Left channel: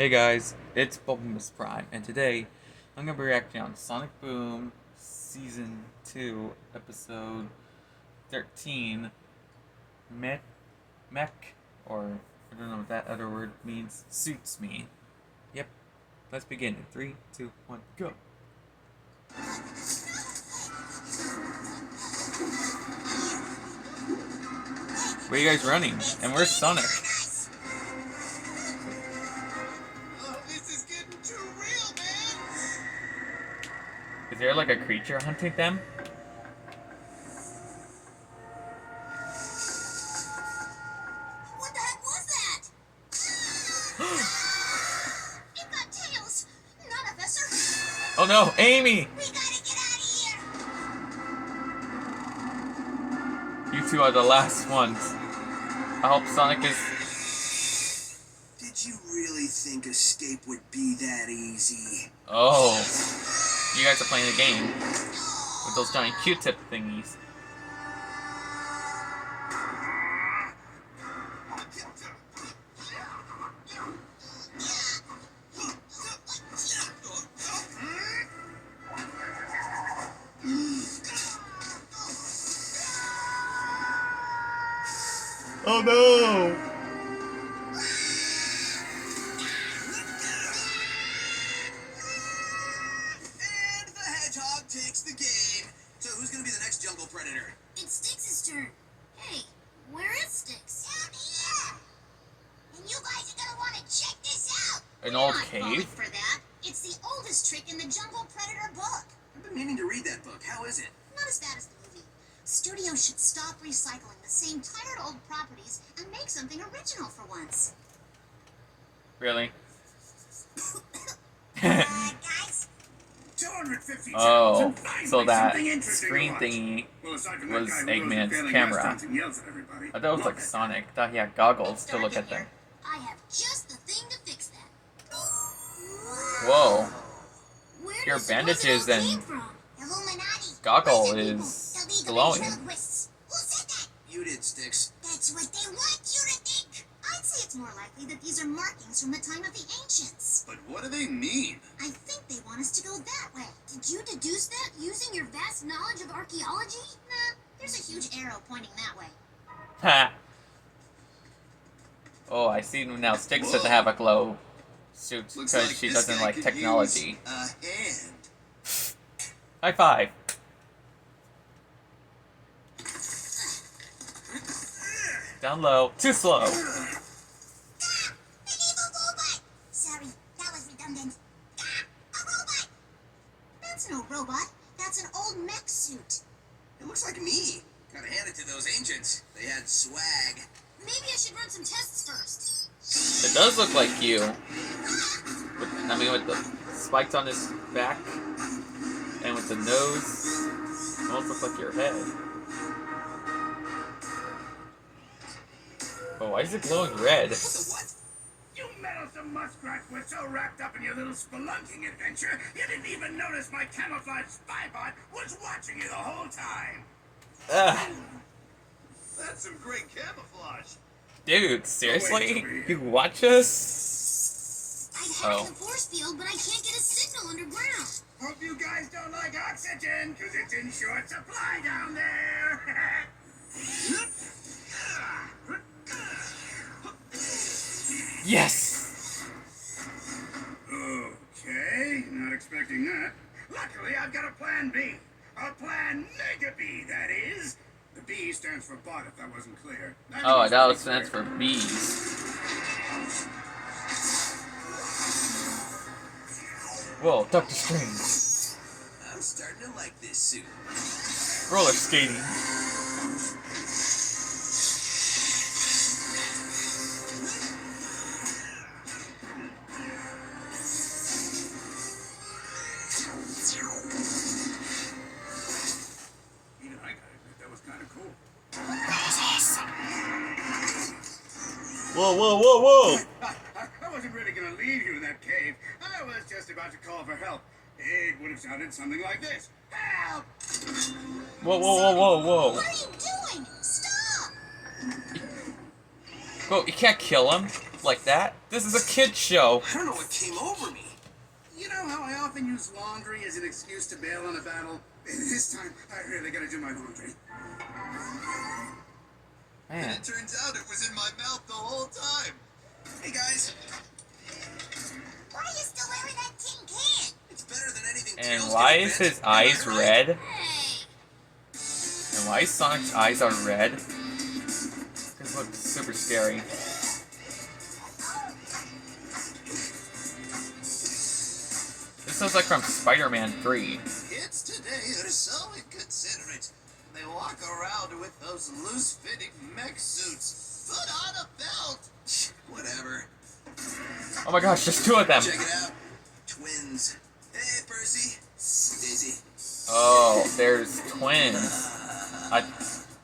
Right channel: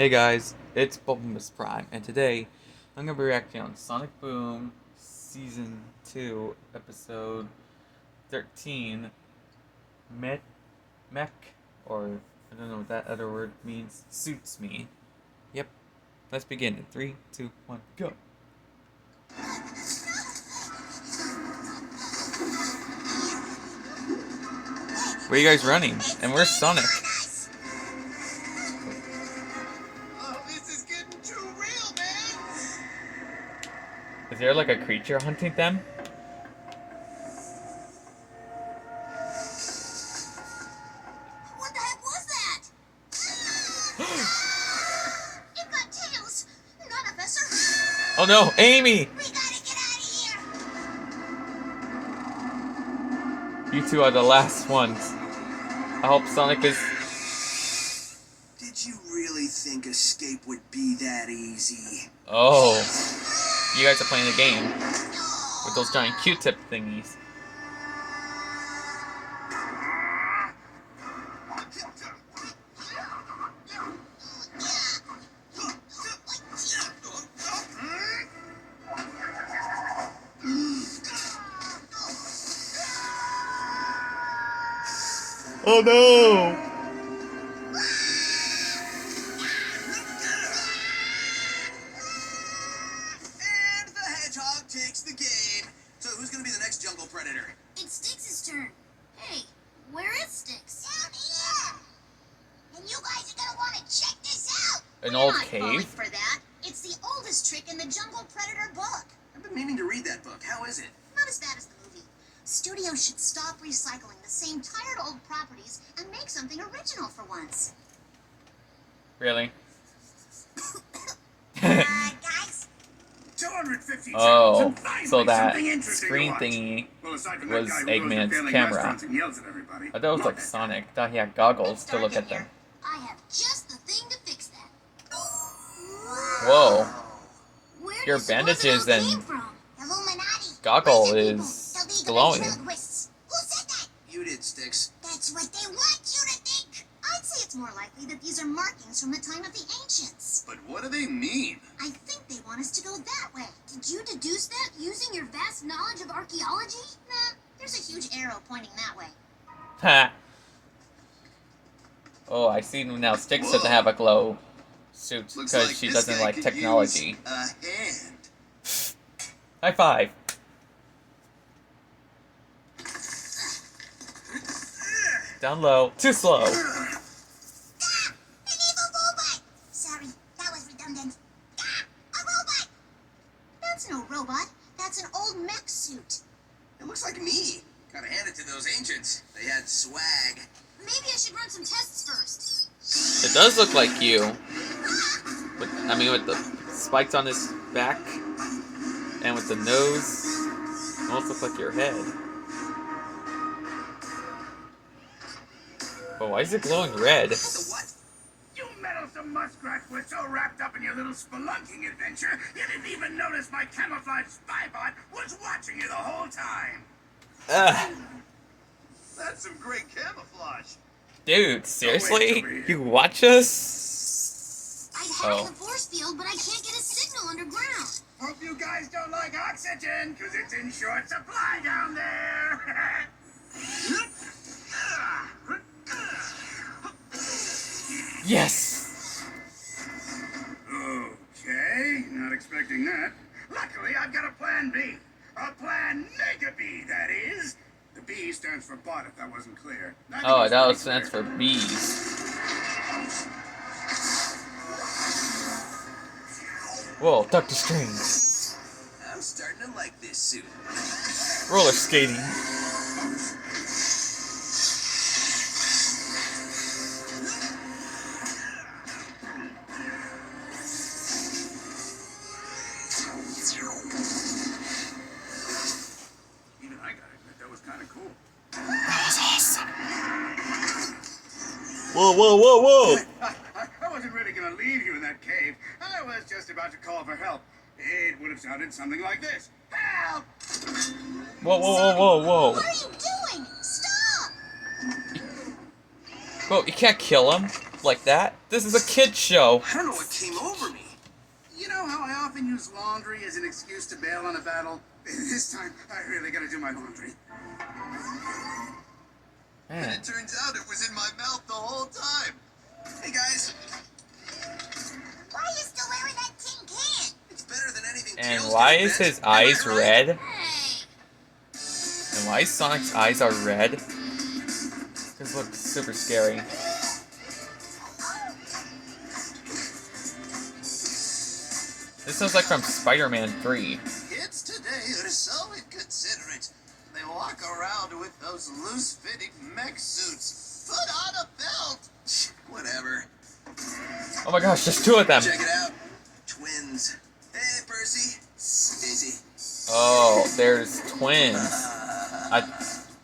Hey guys, it's Bumblemus Prime, and today I'm going to be reacting on Sonic Boom Season 2, Episode 13, mech, or I don't know what that other word means, suits me. Yep, let's begin in 3, 2, 1, go! Where are you guys running? And where's Sonic? Is there like a creature hunting them? What the heck was that? It got tails! None of us are... Oh no, Amy! We gotta get out of here! You two are the last ones. I hope Sonic is... Did you really think escape would be that easy? Oh. You guys are playing a game with those giant Q-tip thingies. Oh no! Takes the game. So who's gonna be the next jungle predator? It's Styx' turn. Hey, where is Styx? Down here! And you guys are gonna want to check this out! An old Not cave? falling for that. It's the oldest trick in the Jungle Predator book. I've been meaning to read that book. How is it? Not as bad as the movie. Studios should stop recycling the same tired old properties and make something original for once. Really? Guys? 250 Oh, so that screen thingy was Eggman's camera. I thought it was like Sonic. I thought he had goggles to look at them. I have just the thing to fix that. Whoa. Where Your does bandages Roosevelt and came from? Illuminati. goggle Listen, is people, the League of glowing. Ventriloquists. Who said that? You did, Styx. That's what they want you to think. I'd say it's more likely that these are markings from the time of the ancients. But what do they mean? I think they want us to go that way. Did you deduce that using your vast knowledge of archaeology? Nah, there's a huge arrow pointing that way. Ha! Oh, I see now. Styx doesn't have a glow suit Looks because like she this doesn't guy like could technology. use a hand. High five. Down low. Too slow. Ah! An evil robot! Sorry, that was redundant. Ah! A robot! That's no robot. That's an old mech suit. It looks like me. Gotta hand it to those ancients. They had swag. Maybe I should run some tests first. It does look like you. With the spikes on his back and with the nose. It almost looks like your head. Oh, why is it glowing red? The what? You meddlesome muskrats were so wrapped up in your little spelunking adventure, you didn't even notice my camouflage spy bot was watching you the whole time. Ugh. That's some great camouflage. Dude, seriously? You watch us? I'd hack the force field, but I can't get a signal underground. Hope you guys don't like oxygen, because it's in short supply down there. Yes! Okay, not expecting that. Luckily, I've got a plan B. A plan Mega B, that is. The B stands for bot, if that wasn't clear. Oh, that stands for bees. Whoa, Doctor Strange. I'm starting to like this suit. Roller skating. Even I gotta admit, that was kind of cool. That was awesome. Whoa, whoa, whoa, whoa! I wasn't really gonna leave you in that cave. I was just about to call for help. It would have sounded something like this. Help! Whoa, whoa, whoa, whoa, whoa. What are you doing? Stop! Whoa, you can't kill him. up like that. This is a kid's show. I don't know what came over me. You know how I often use laundry as an excuse to bail on a battle? This time, I really gotta do my laundry. And Man. it turns out it was in my mouth the whole time. Hey guys, Why are you still wearing that tin can? it's better than anything. And Tails why can is invent. his Am I eyes right? red? Hey. And why Sonic's eyes are red? This looks super scary. This looks like from Spider-Man 3. Kids today are so inconsiderate. They walk around with those loose-fitting mech suits. Put on a belt. Whatever. Oh my gosh, there's two of them. Check it out. Twins. Hey, Percy. Daisy. Oh, there's twins.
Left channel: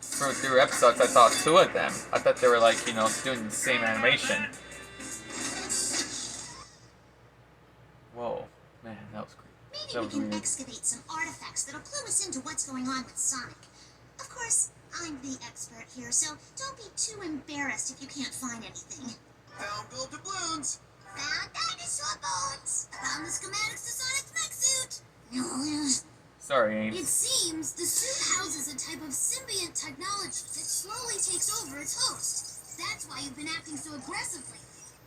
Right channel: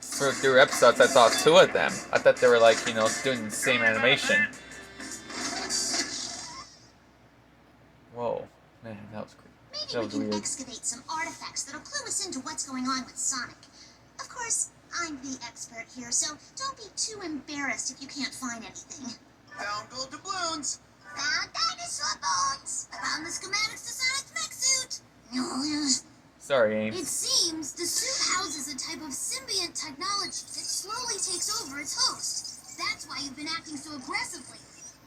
Through episodes, I saw two of them. I thought they were like, you know, doing the same animation. Whoa, man, that was creepy. Maybe That we was can weird. excavate some artifacts that'll clue us into what's going on with Sonic. Of course, I'm the expert here, so don't be too embarrassed if you can't find anything. Found gold doubloons. Found dinosaur bones! Found the schematics to Sonic's mech suit! Sorry, Ames. It seems the suit houses a type of symbiont technology that slowly takes over its host. That's why you've been acting so aggressively.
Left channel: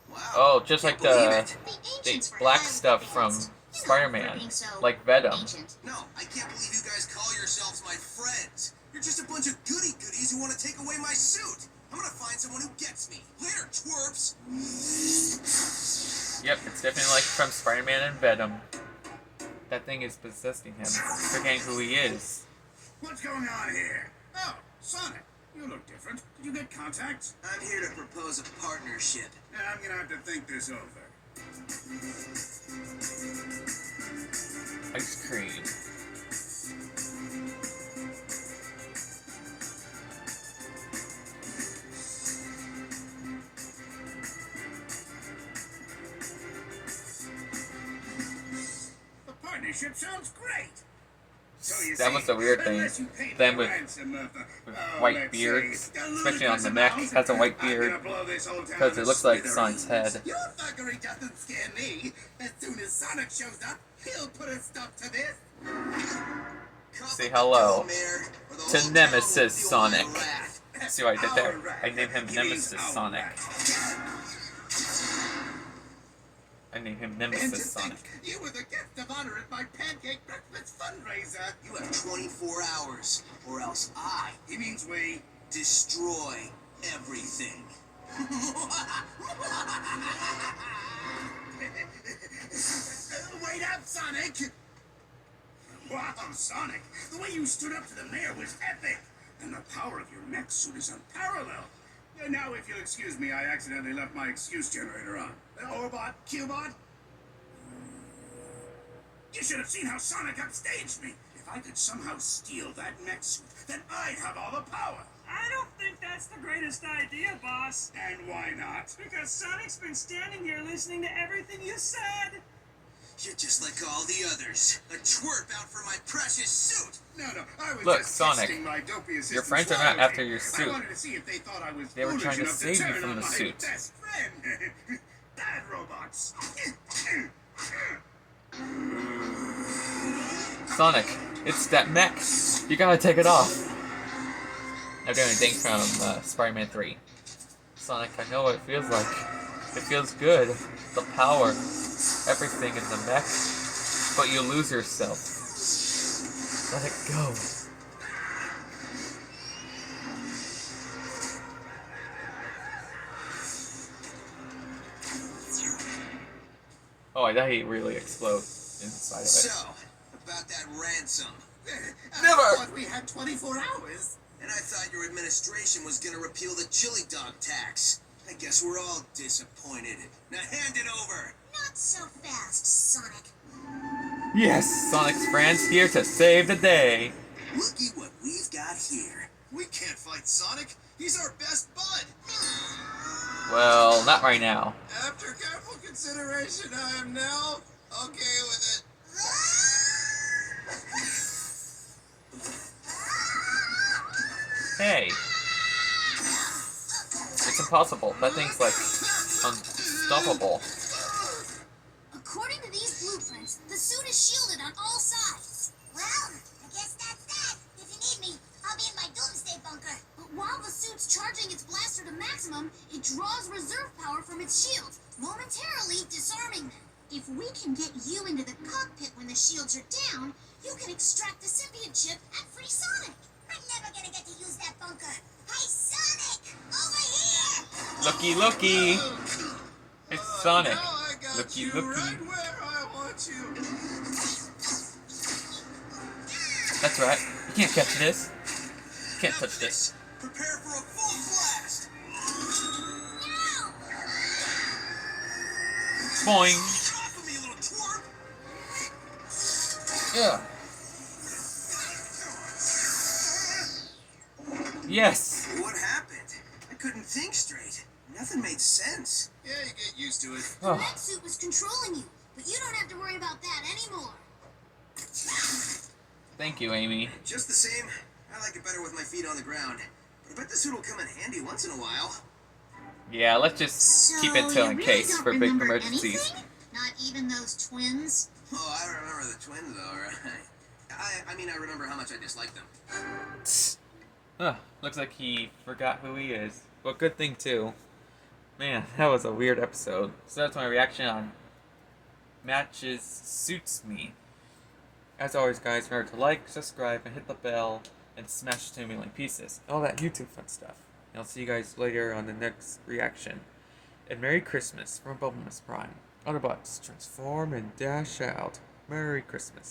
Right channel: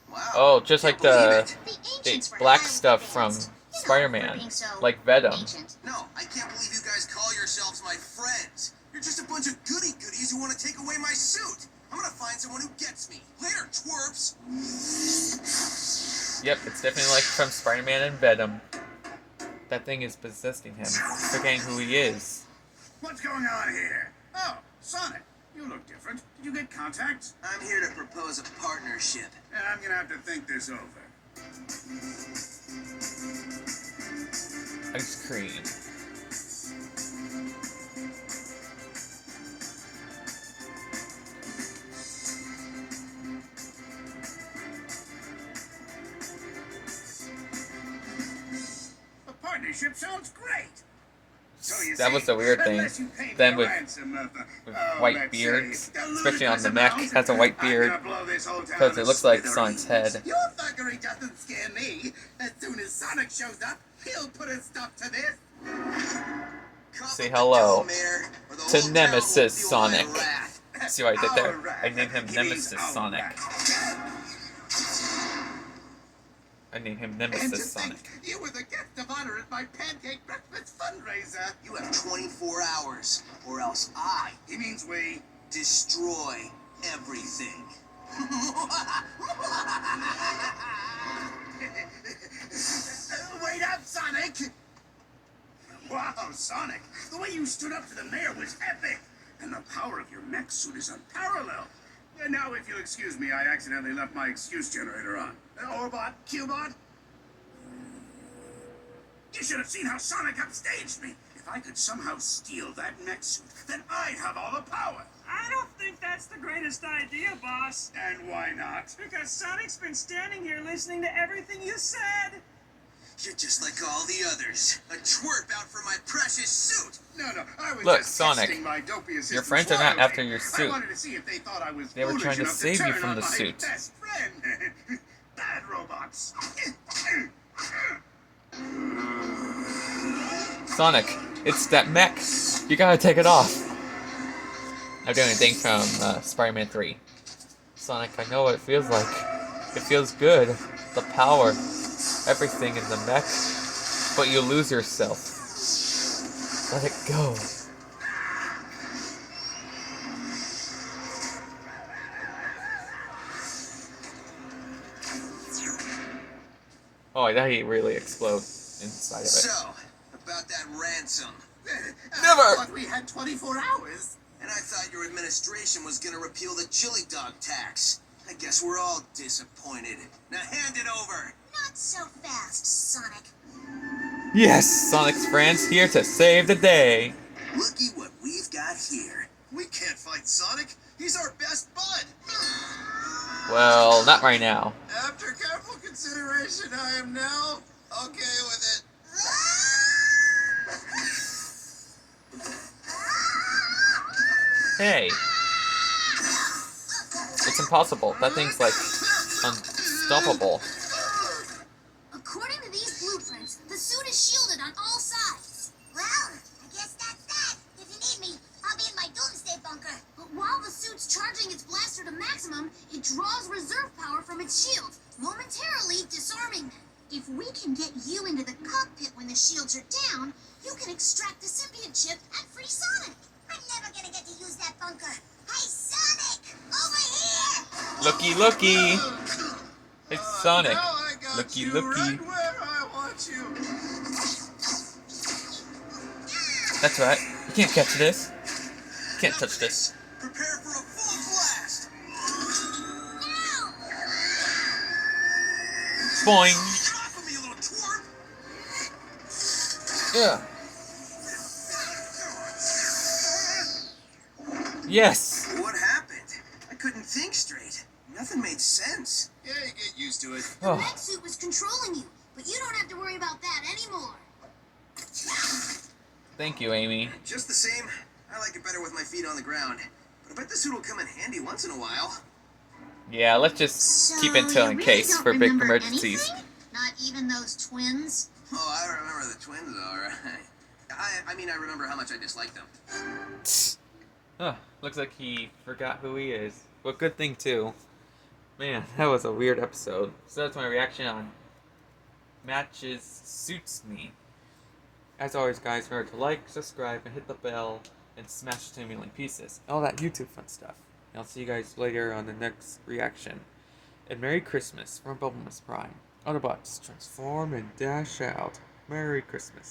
Wow. Oh, just like Can't believe the it. The ancients were black highly stuff advanced, from you know, Spider-Man, for being so like Venom. ancient. No, I can't believe you guys call yourselves my friends. You're just a bunch of goody-goodies who want to take away my suit. I'm gonna find someone who gets me. Later, twerps. Yep, it's definitely like from Spider-Man and Venom. That thing is possessing him, forgetting who he is. What's going on here? Oh, Sonic. You look different. Did you get contacts? I'm here to propose a partnership. I'm gonna have to think this over. Ice cream. The partnership sounds great. So you That see, was the weird thing. unless you pay Then the with ransom of the- white let's beards, say, the especially on ludicrous the mech, amount, has a white I'm beard, gonna blow this whole town because to it looks like smithereens. Sonic's head. Your thuggery doesn't scare me. As soon as Sonic shows up, he'll put a stop to this. Say hello Mayor, or the to whole town Nemesis will feel my Sonic. wrath. See what I did there? Alright. I named him He means Nemesis Sonic. alright. I named him And to Nemesis Sonic. think, you were the guest of honor at my pancake breakfast fundraiser. You have 24 hours, or else I He means we. destroy everything. Wait up, Sonic! Wow, Sonic, the way you stood up to the mayor was epic, and the power of your mech suit is unparalleled. And now, if you'll excuse me, I accidentally left my excuse generator on. Orbot, Qbot? You should have seen how Sonic upstaged me. If I could somehow steal that mech suit, then I'd have all the power. I don't think that's the greatest idea, boss. And why not? Because Sonic's been standing here listening to everything you said. You're just like all the others. A twerp out for my precious suit. No, I was Look, just Sonic, testing my dopey your assistant's friends are not loyalty. after your I suit. wanted to see if they thought I was They were foolish trying to enough save you turn from on the my suit. best friend. Bad robots. Sonic, it's that mech. You gotta take it off. I'm doing a thing from Spider-Man 3. Sonic, I know what it feels like. It feels good. The power. Everything in the mech. But you lose yourself. Let it go. Oh, I thought he'd really explode inside of it. So, about that ransom. Never! I thought we had 24 hours. And I thought your administration was gonna repeal the chili dog tax. I guess we're all disappointed. Now hand it over. Not so fast, Sonic. Yes! Sonic's friends here to save the day. Looky what we've got here. We can't fight Sonic. He's our best bud. Well, not right now. After careful consideration, I am now okay with it. Hey. It's impossible. That thing's like unstoppable. According to these blueprints, the suit is shielded on all sides. Well, I guess that's that. If you need me, I'll be in my doomsday bunker. But while the suit's charging its blaster to maximum, it draws reserve power from its shields, momentarily disarming them. If we can get you into the cockpit when the shields are down, you can extract the symbiote chip and free Sonic. I'm never gonna get to use that bunker. Hey, Sonic! Over here! Looky! It's Sonic. Now I got Looky. you right where I want you. That's right. You can't catch this. You can't touch this. Prepare for a full blast. Boing. Off of me, little twerp. Yeah. Yes. What happened? I couldn't think straight. Nothing made sense. Yeah, you get used to it. The Oh. mech suit was controlling you, but you don't have to worry about that anymore. Thank you, Amy. Just the same, I like it better with my feet on the ground. But I bet the suit will come in handy once in a while. Yeah, let's just So keep Intel in you really case don't for big remember emergencies. anything? Not even those twins? Oh, I remember the twins, all right. I mean, I remember how much I disliked them. Looks like he forgot who he is. But good thing too. Man, that was a weird episode. So that's my reaction on Matches Suits Me. As always, guys, remember to like, subscribe, and hit the bell, and smash it to a million pieces. All that YouTube fun stuff. And I'll see you guys later on the next reaction. And Merry Christmas from Bumblemus Prime. Autobots, transform and dash out. Merry Christmas.